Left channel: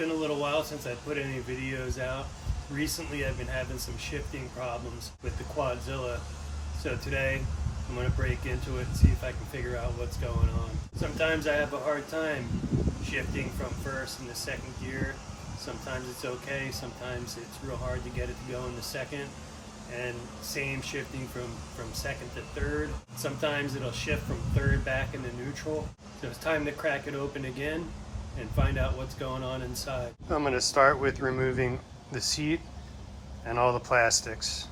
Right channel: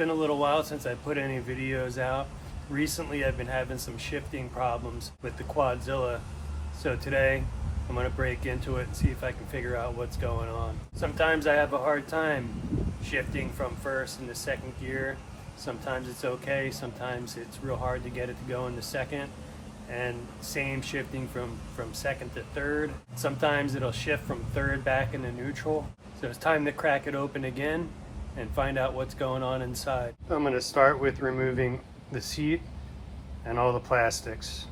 been a little while since I put any videos out. Recently I've been having some shifting problems with the Quadzilla. So today I'm going to break into it and see if I can figure out what's going on. Sometimes I have a hard time shifting from first into second gear. Sometimes it's okay, sometimes it's real hard to get it to go into second. And same shifting from second to third. Sometimes it'll shift from third back into neutral. So it's time to crack it open again and find out what's going on inside. I'm going to start with removing the seat and all the plastics.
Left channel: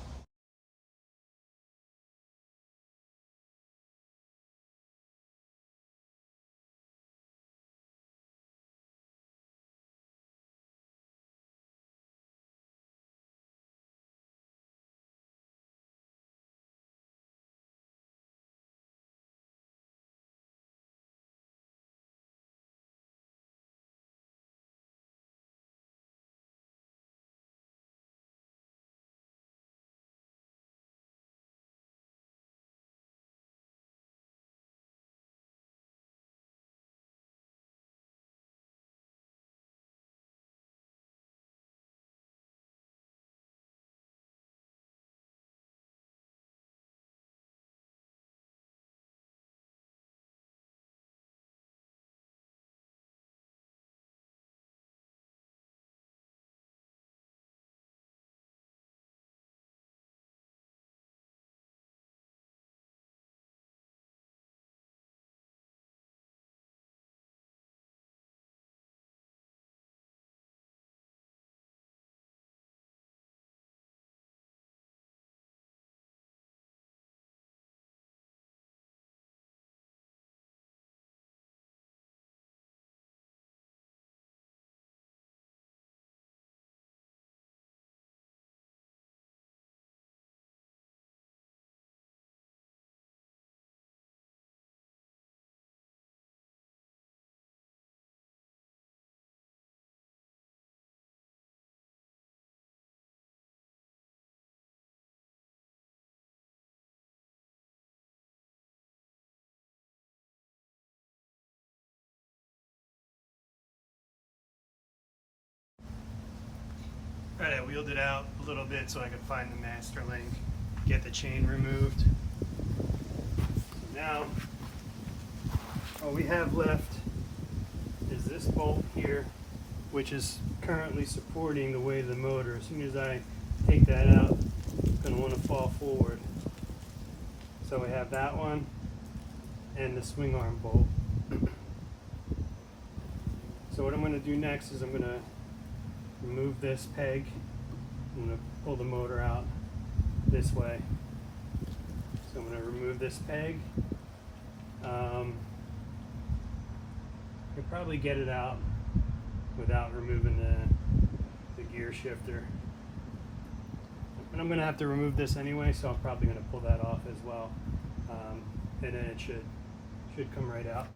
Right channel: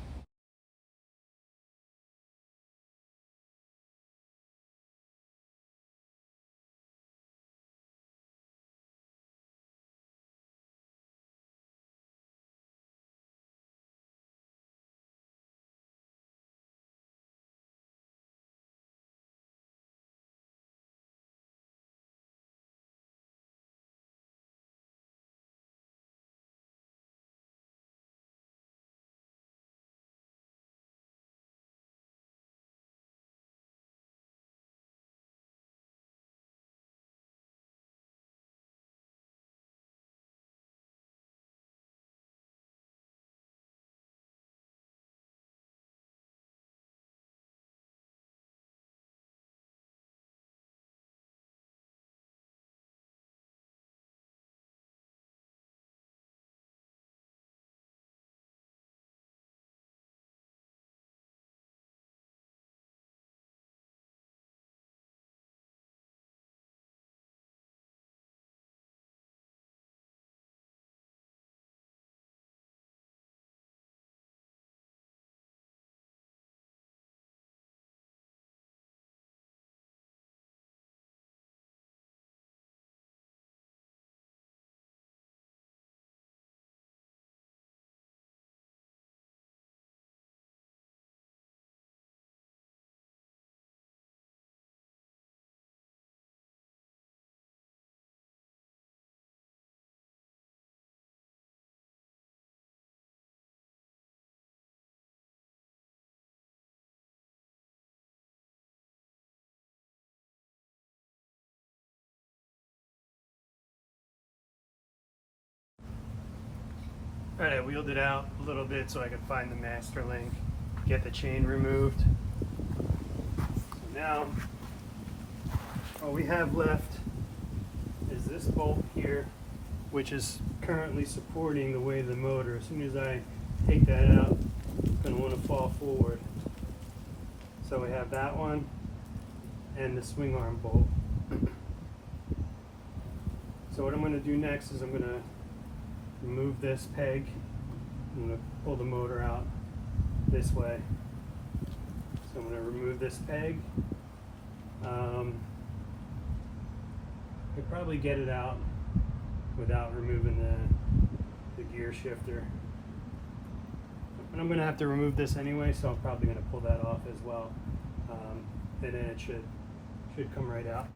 All right, I wheeled it out a little bit so I could find the master link, get the chain removed. So now, all we have left is this bolt here, which is currently supporting the weight of the motor. As soon as I take that out, it's going to want to fall forward. So we have that one and the swing arm bolt. So what I'm going to do next is I'm going to remove this peg. I'm going to pull the motor out this way. So I'm going to remove this peg. I could probably get it out without removing the gear shifter. But I'm going to have to remove this anyway, so I'm probably going to pull that off as well. And then it should come right out.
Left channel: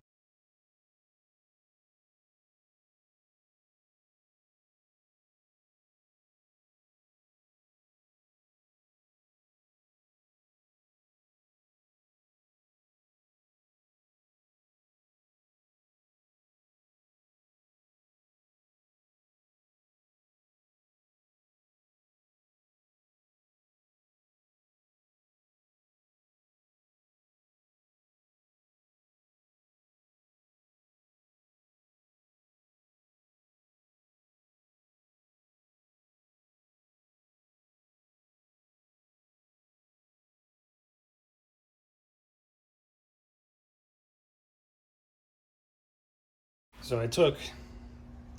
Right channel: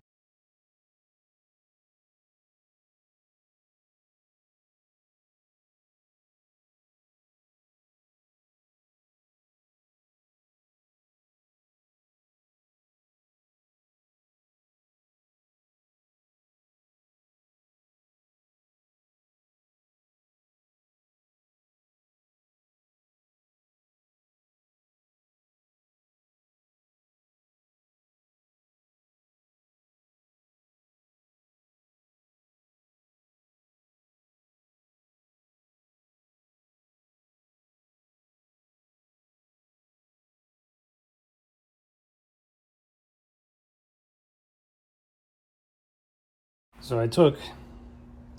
So I took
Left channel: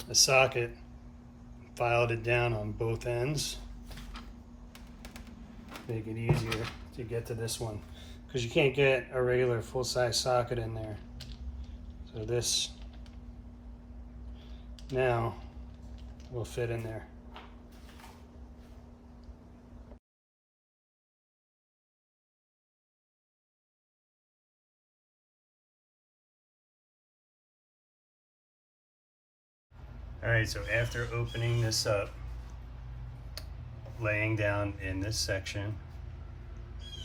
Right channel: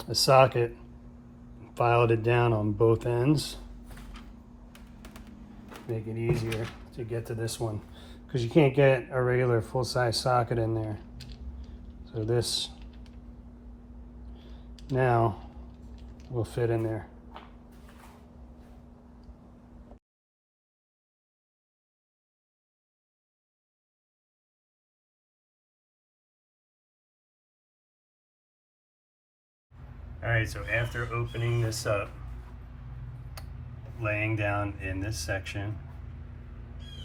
a socket, filed it down on both ends, make it easier to get to this one, because you can't get a regular full-size socket in there. So this now will fit in there. All right, so after opening this up, laying down in this section,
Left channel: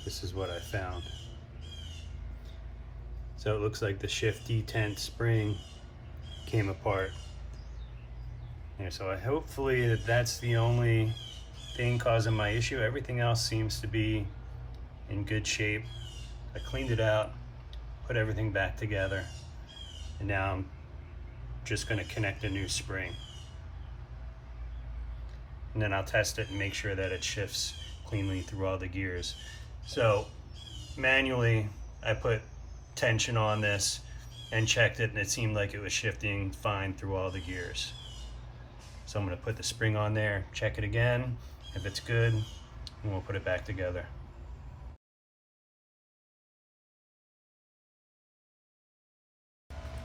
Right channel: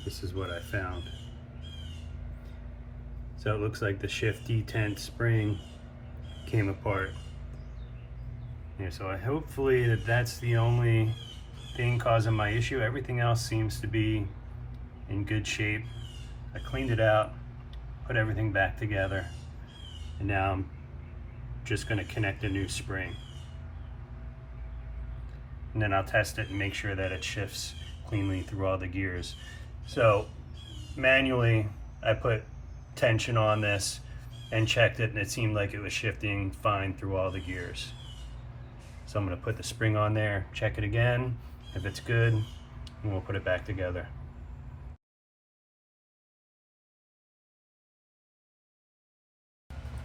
this is what I found. So it looks like the shift detent spring came apart. Here, so hopefully that's the only thing causing my issue. Everything else seems to be in good shape. I cleaned it out, put everything back together, and now I'm just going to connect a new spring. And then I'll test it and make sure that it shifts cleanly through all the gears. So manually I put tension on this and checked it, and it seemed like it was shifting fine through all the gears. So I'm going to put the spring on there, check it again. If it's good, and we'll put it back together.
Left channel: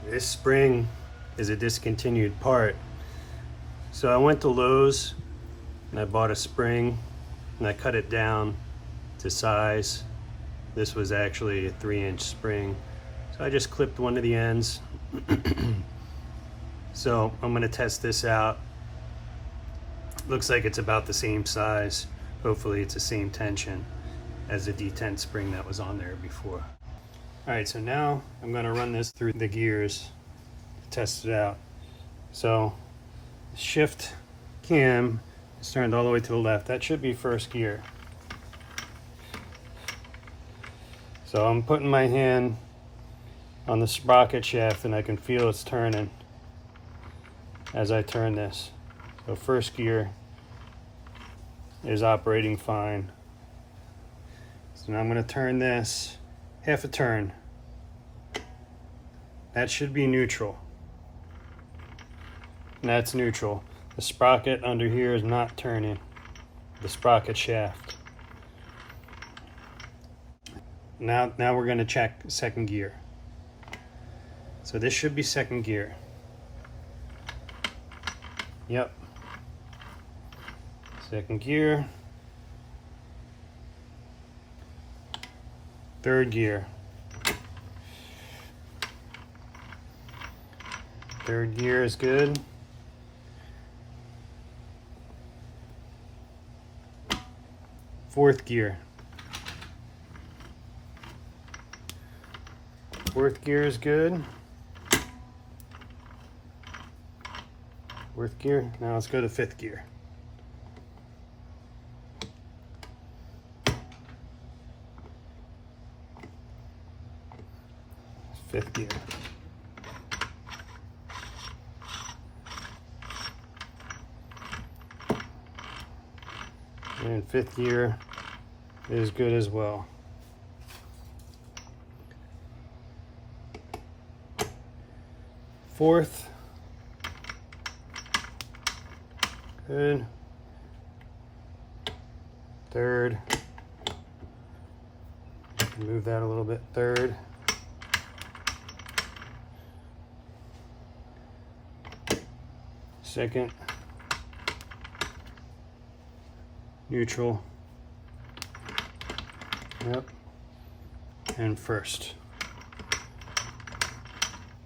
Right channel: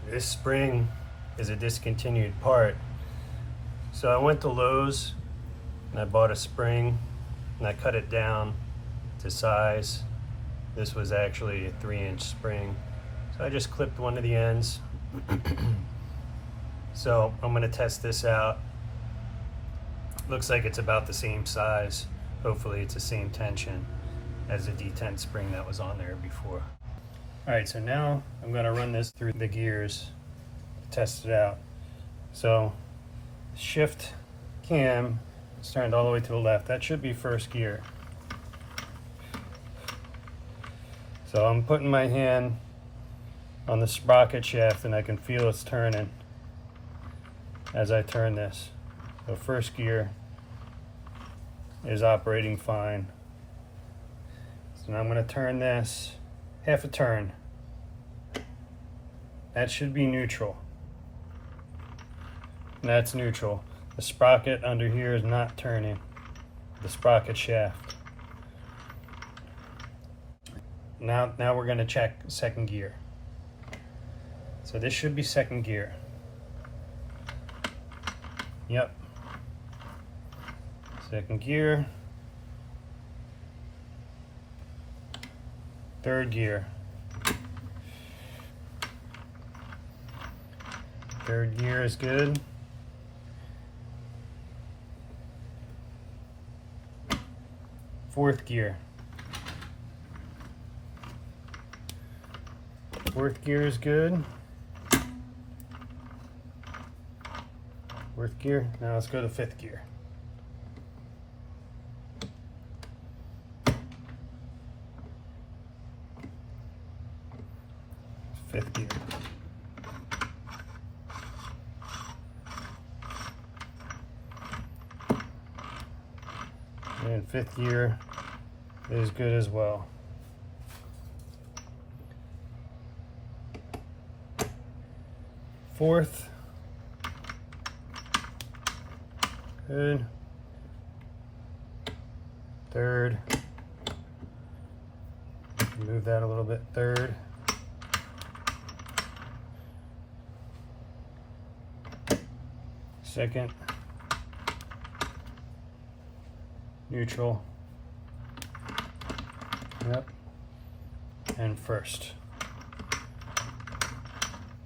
This spring is a discontinued part. So I went to Lowe's and I bought a spring and I cut it down to size. This was actually a 3-inch spring. So I just clipped one of the ends. So I'm going to test this out. Looks like it's about the same size. Hopefully it's the same tension as the Detent spring that was on there before. Alright, so now I'm going to run this through the gears to test it out. So shift cam is turned all the way to the left. That should be first gear. So I'm putting my hand on the sprocket shaft and I can feel it's turning as I turn this. So first gear is operating fine. So now I'm going to turn this half a turn. That should be neutral. And that's neutral. The sprocket under here is not turning. The sprocket shaft. Now we're going to check second gear. So this should be second gear. Yep. Second gear. Third gear. Third gear is good. Fourth gear. Fourth gear is good. Fourth gear. Now let's go to fifth gear. Fifth gear. And fifth gear is good as well. Fourth, good. Third, move that a little bit. Third. Second. Neutral. Yep. And first.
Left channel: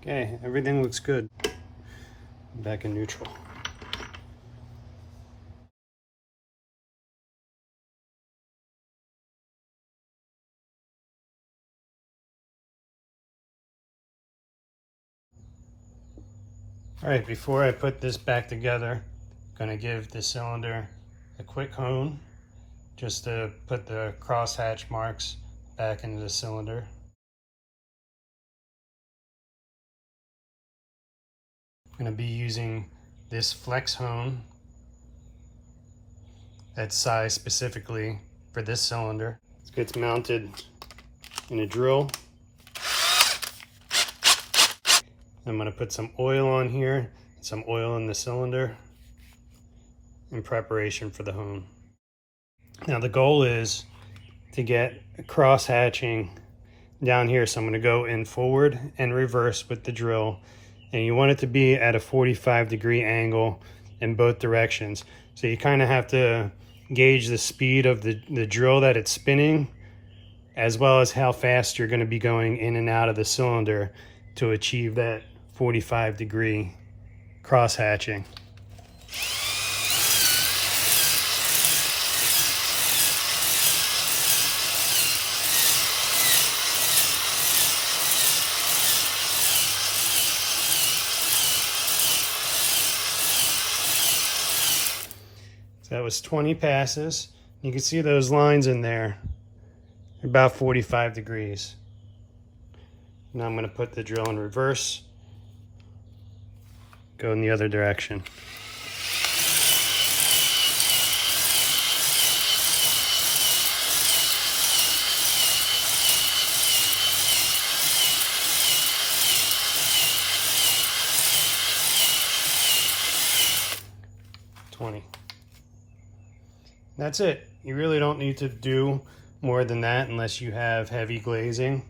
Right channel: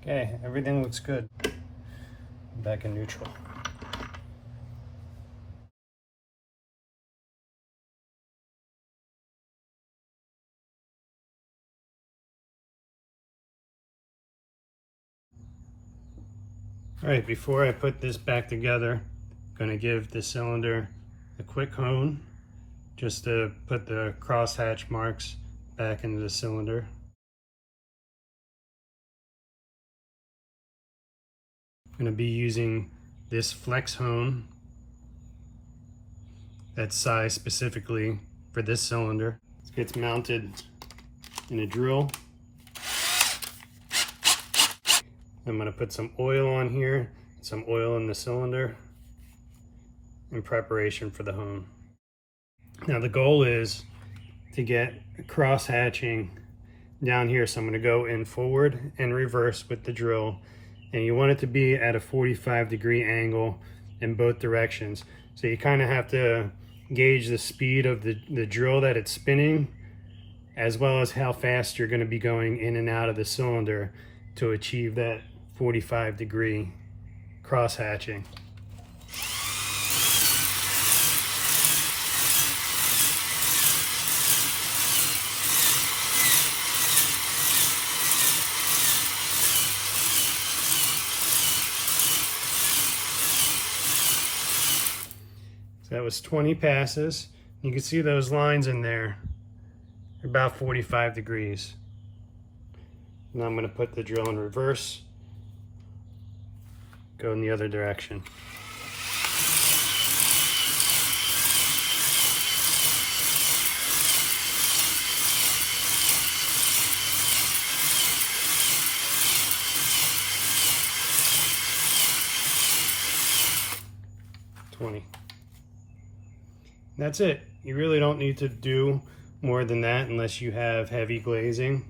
Okay, everything looks good. Back in neutral. All right, before I put this back together, I'm going to give the cylinder a quick hone just to put the crosshatch marks back into the cylinder. I'm going to be using this flex hone that's sized specifically for this cylinder. It's mounted in a drill. I'm going to put some oil on here, some oil in the cylinder in preparation for the hone. Now the goal is to get cross hatching down here. So I'm going to go in forward and reverse with the drill. And you want it to be at a 45-degree angle in both directions. So you kind of have to gauge the speed of the drill that it's spinning, as well as how fast you're going to be going in and out of the cylinder to achieve that 45-degree cross hatching. So that was 20 passes. You can see those lines in there, about 45 degrees. Now I'm going to put the drill in reverse, go in the other direction. That's it. You really don't need to do more than that unless you have heavy glazing.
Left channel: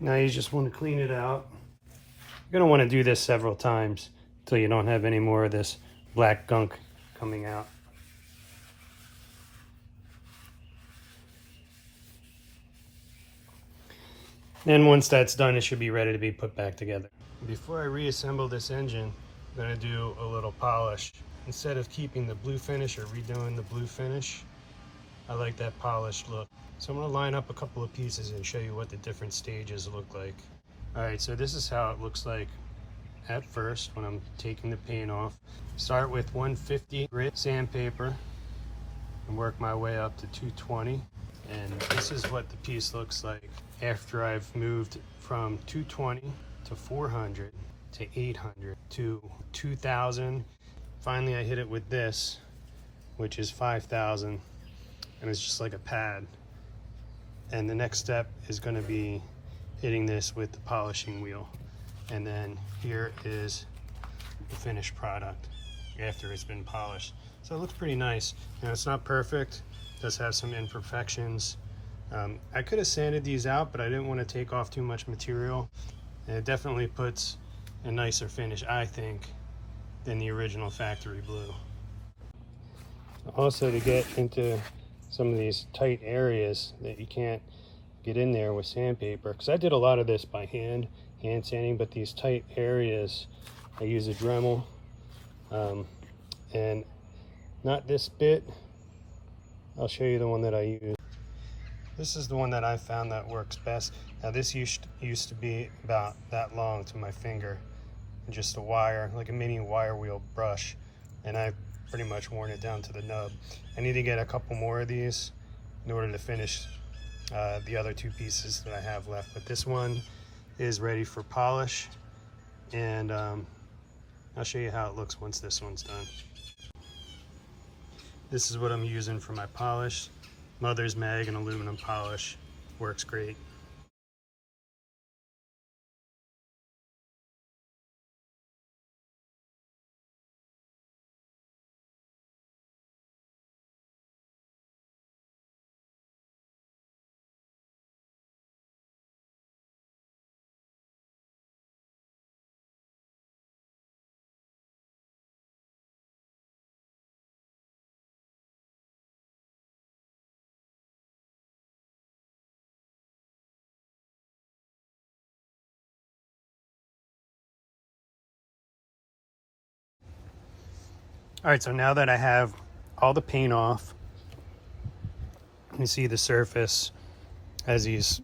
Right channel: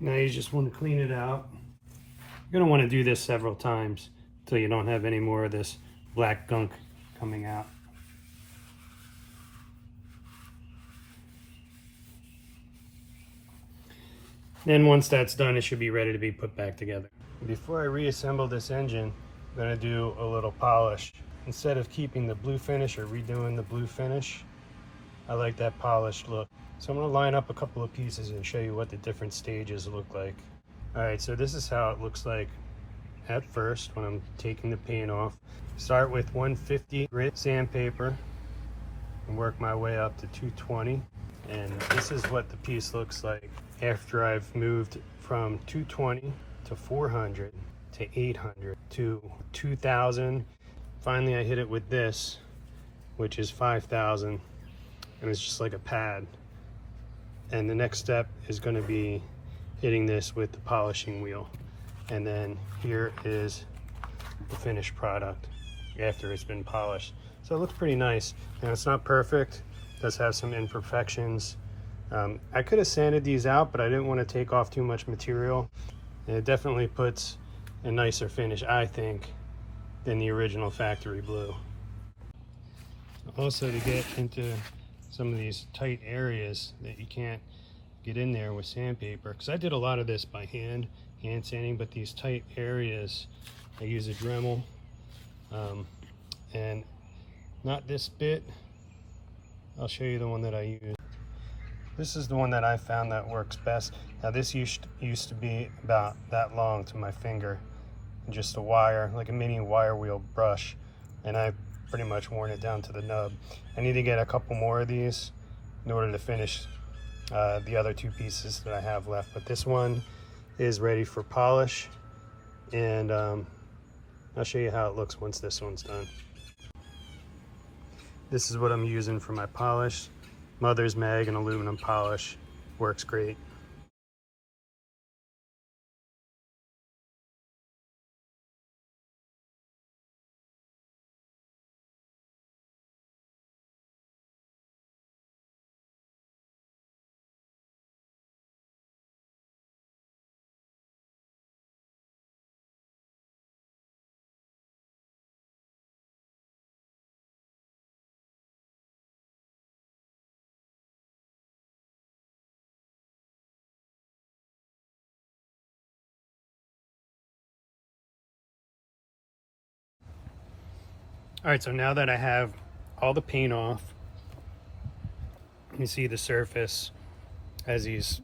Now you just want to clean it out. You're going to want to do this several times until you don't have any more of this black gunk coming out. And once that's done, it should be ready to be put back together. Before I reassemble this engine, I'm going to do a little polish. Instead of keeping the blue finish or redoing the blue finish, I like that polished look. So I'm going to line up a couple of pieces and show you what the different stages look like. Alright, so this is how it looks like at first when I'm taking the paint off. Start with 150 grit sandpaper and work my way up to 220. And this is what the piece looks like after I've moved from 220 to 400 to 800 to 2000. Finally I hit it with this, which is 5000, and it's just like a pad. And the next step is going to be hitting this with the polishing wheel. And then here is the finished product after it's been polished. So it looks pretty nice. Now it's not perfect, it does have some imperfections. I could have sanded these out, but I didn't want to take off too much material. And it definitely puts a nicer finish, I think, than the original factory blue. Also, to get into some of these tight areas that you can't get in there with sandpaper, because I did a lot of this by hand sanding, but these tight areas I use a Dremel, and not this bit. I'll show you the one that I use. This is the one that I found that works best. Now this used to be about that long to my finger, just a wire, like a mini wire wheel brush, and I've pretty much worn it down to the nub. I need to get a couple more of these in order to finish the other two pieces that I have left, but this one is ready for polish, and I'll show you how it looks once this one's done. This is what I'm using for my polish. Mother's Mag and aluminum polish. Works great. All right, so now that I have all the paint off, you see the surface has these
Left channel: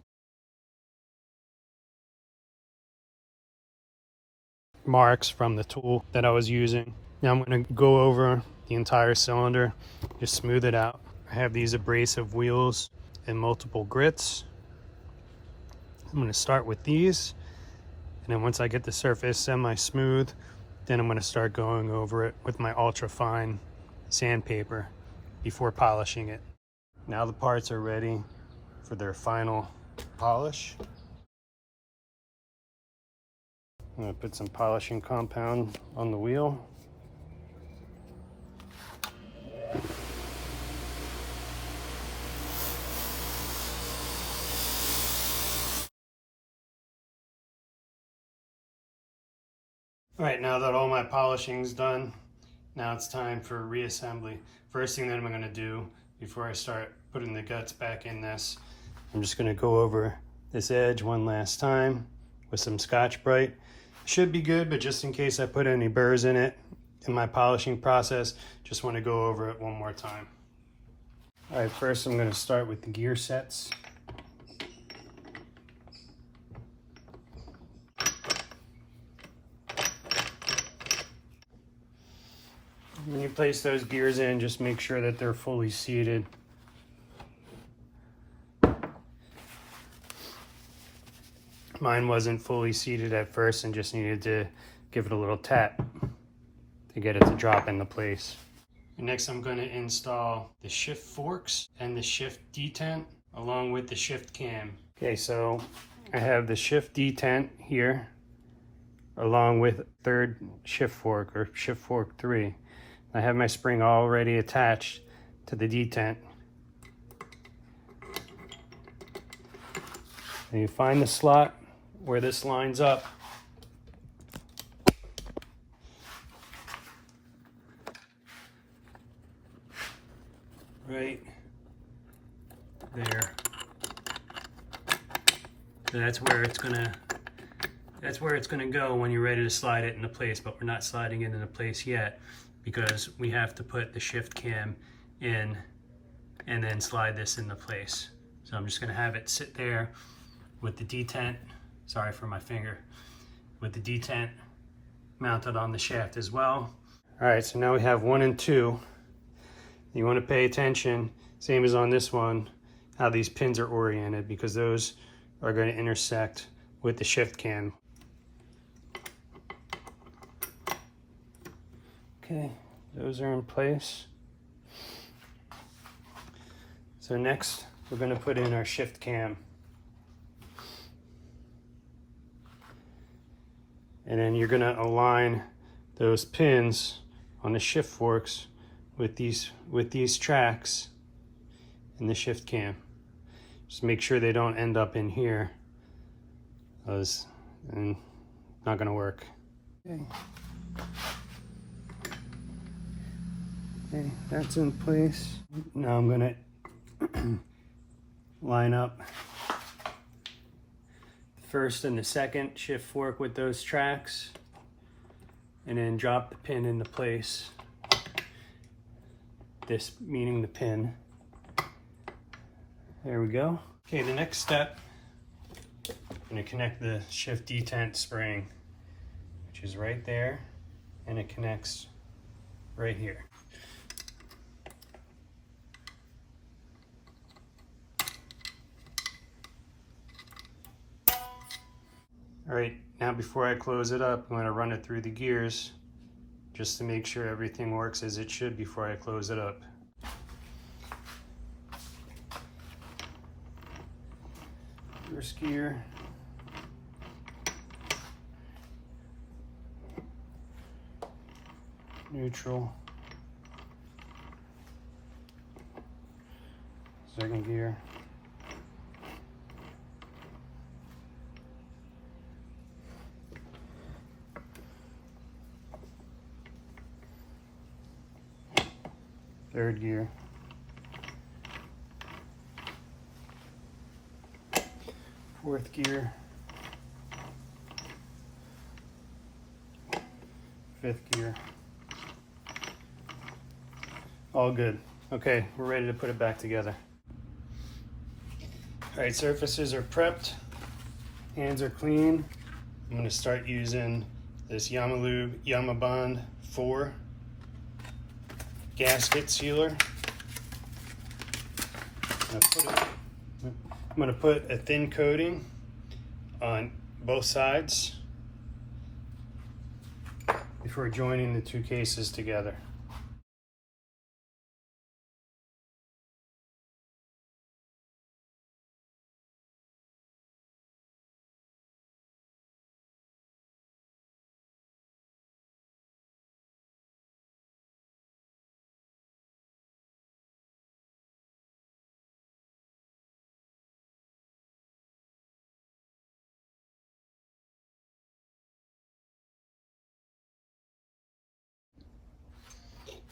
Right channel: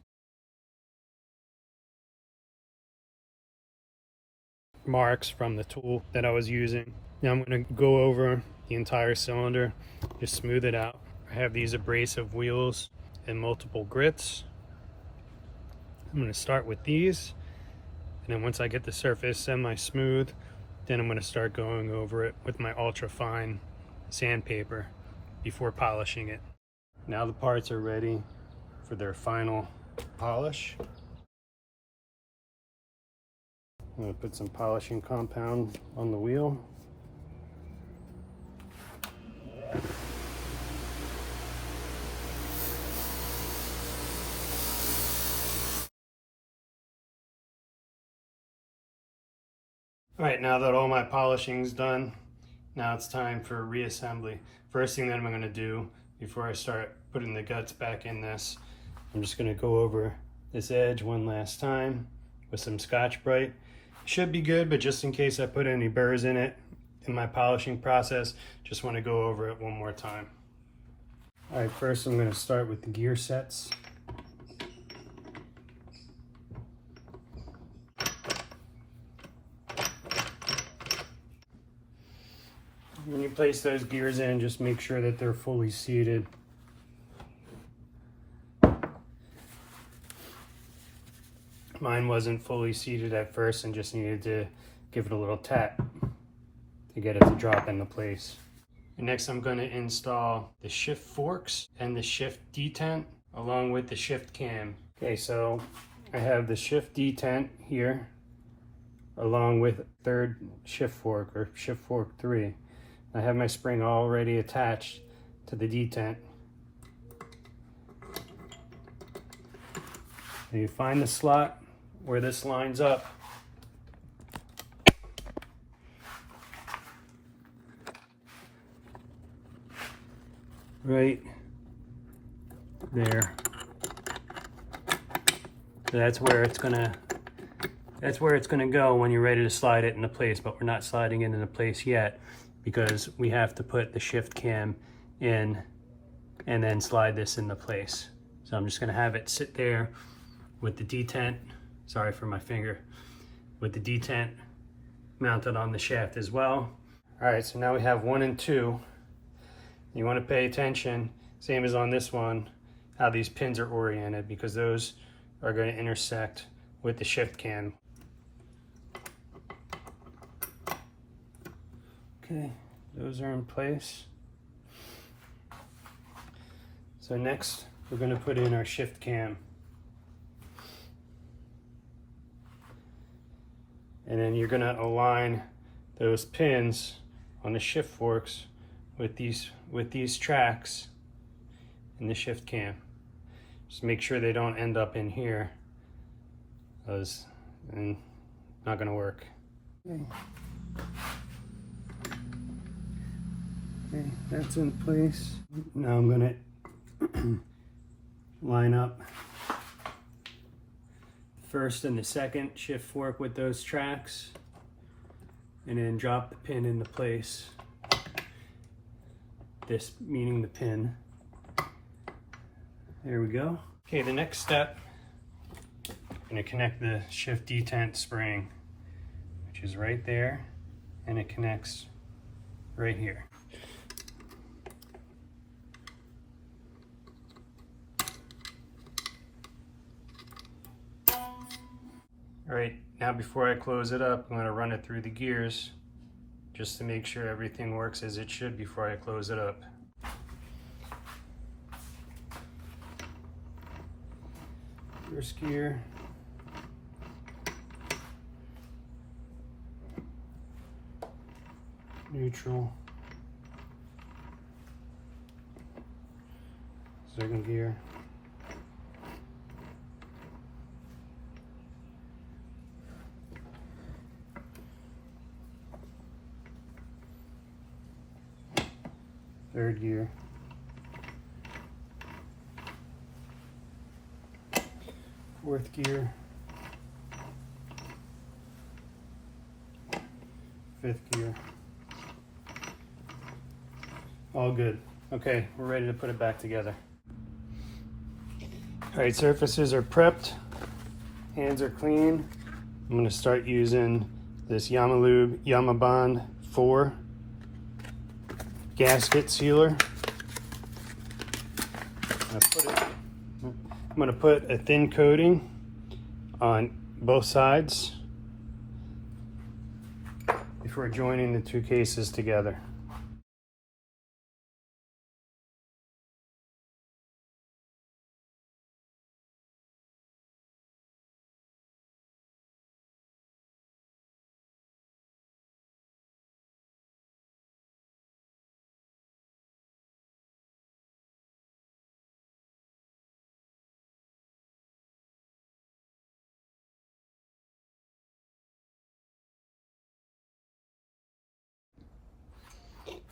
marks from the tool that I was using. Now I'm going to go over the entire cylinder, just smooth it out. I have these abrasive wheels and multiple grits. I'm going to start with these, and then once I get the surface semi-smooth, then I'm going to start going over it with my ultra fine sandpaper before polishing it. Now the parts are ready for their final polish. I'm going to put some polishing compound on the wheel. All right, now that all my polishing's done, now it's time for reassembly. First thing that I'm going to do before I start putting the guts back in this, I'm just going to go over this edge one last time with some Scotch-Brite. Should be good, but just in case I put any burrs in it in my polishing process, just want to go over it one more time. All right, first I'm going to start with the gear sets. When you place those gears in, just make sure that they're fully seated. Mine wasn't fully seated at first and just needed to give it a little tap to get it to drop into place. And next I'm going to install the shift forks and the shift detent along with the shift cam. Okay, so I have the shift detent here along with third shift fork, or shift fork 3. I have my spring already attached to the detent. And you find the slot where this lines up. Right there. So that's where it's gonna go when you're ready to slide it into place, but we're not sliding it into place yet because we have to put the shift cam in and then slide this into place. So I'm just gonna have it sit there with the detent, sorry for my finger, with the detent mounted on the shaft as well. All right, so now we have 1 and 2. You want to pay attention, same as on this one, how these pins are oriented, because those are going to intersect with the shift cam. Okay, those are in place. So next, we're going to put in our shift cam. And then you're going to align those pins on the shift forks with these tracks in the shift cam. Just make sure they don't end up in here, because it's not going to work. Okay. Okay, that's in place. Now I'm going to line up the first and the second shift fork with those tracks, and then drop the pin into place. This meaning the pin. There we go. Okay, the next step, I'm going to connect the shift detent spring, which is right there, and it connects right here. All right, now before I close it up, I'm going to run it through the gears just to make sure everything works as it should before I close it up. First gear. Neutral. Second gear. Third gear. Fourth gear. Fifth gear. All good. Okay, we're ready to put it back together. All right, surfaces are prepped. Hands are clean. I'm going to start using this Yamalube Yamabond 4 gasket sealer. I'm going to put a thin coating on both sides before joining the two cases together.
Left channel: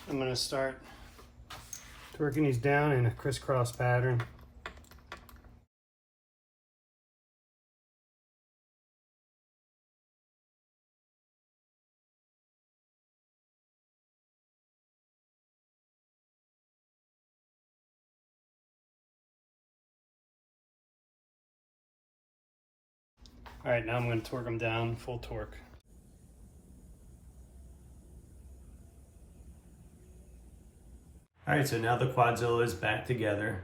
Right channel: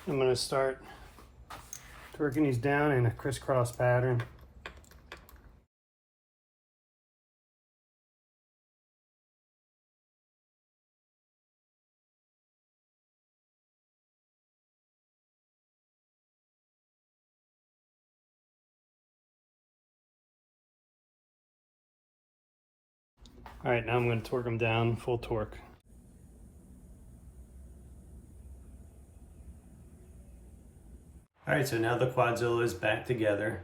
I'm going to start torquing these down in a crisscross pattern. All right, now I'm going to torque them down full torque. All right, so now the Quadzilla is back together.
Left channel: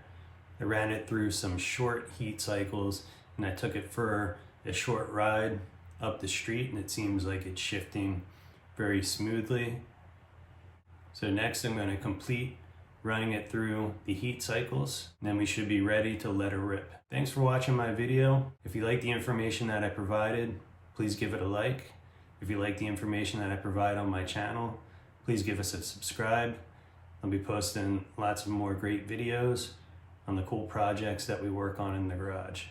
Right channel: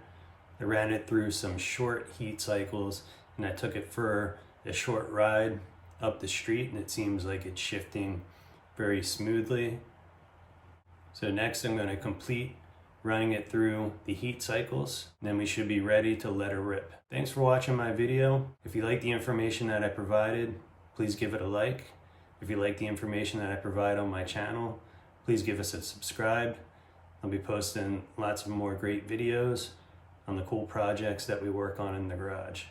I ran it through some short heat cycles and I took it for a short ride up the street, and it seems like it's shifting very smoothly. So next I'm going to complete running it through the heat cycles, and then we should be ready to let her rip. Thanks for watching my video. If you like the information that I provided, please give it a like. If you like the information that I provide on my channel, please give us a subscribe. I'll be posting lots of more great videos on the cool projects that we work on in the garage.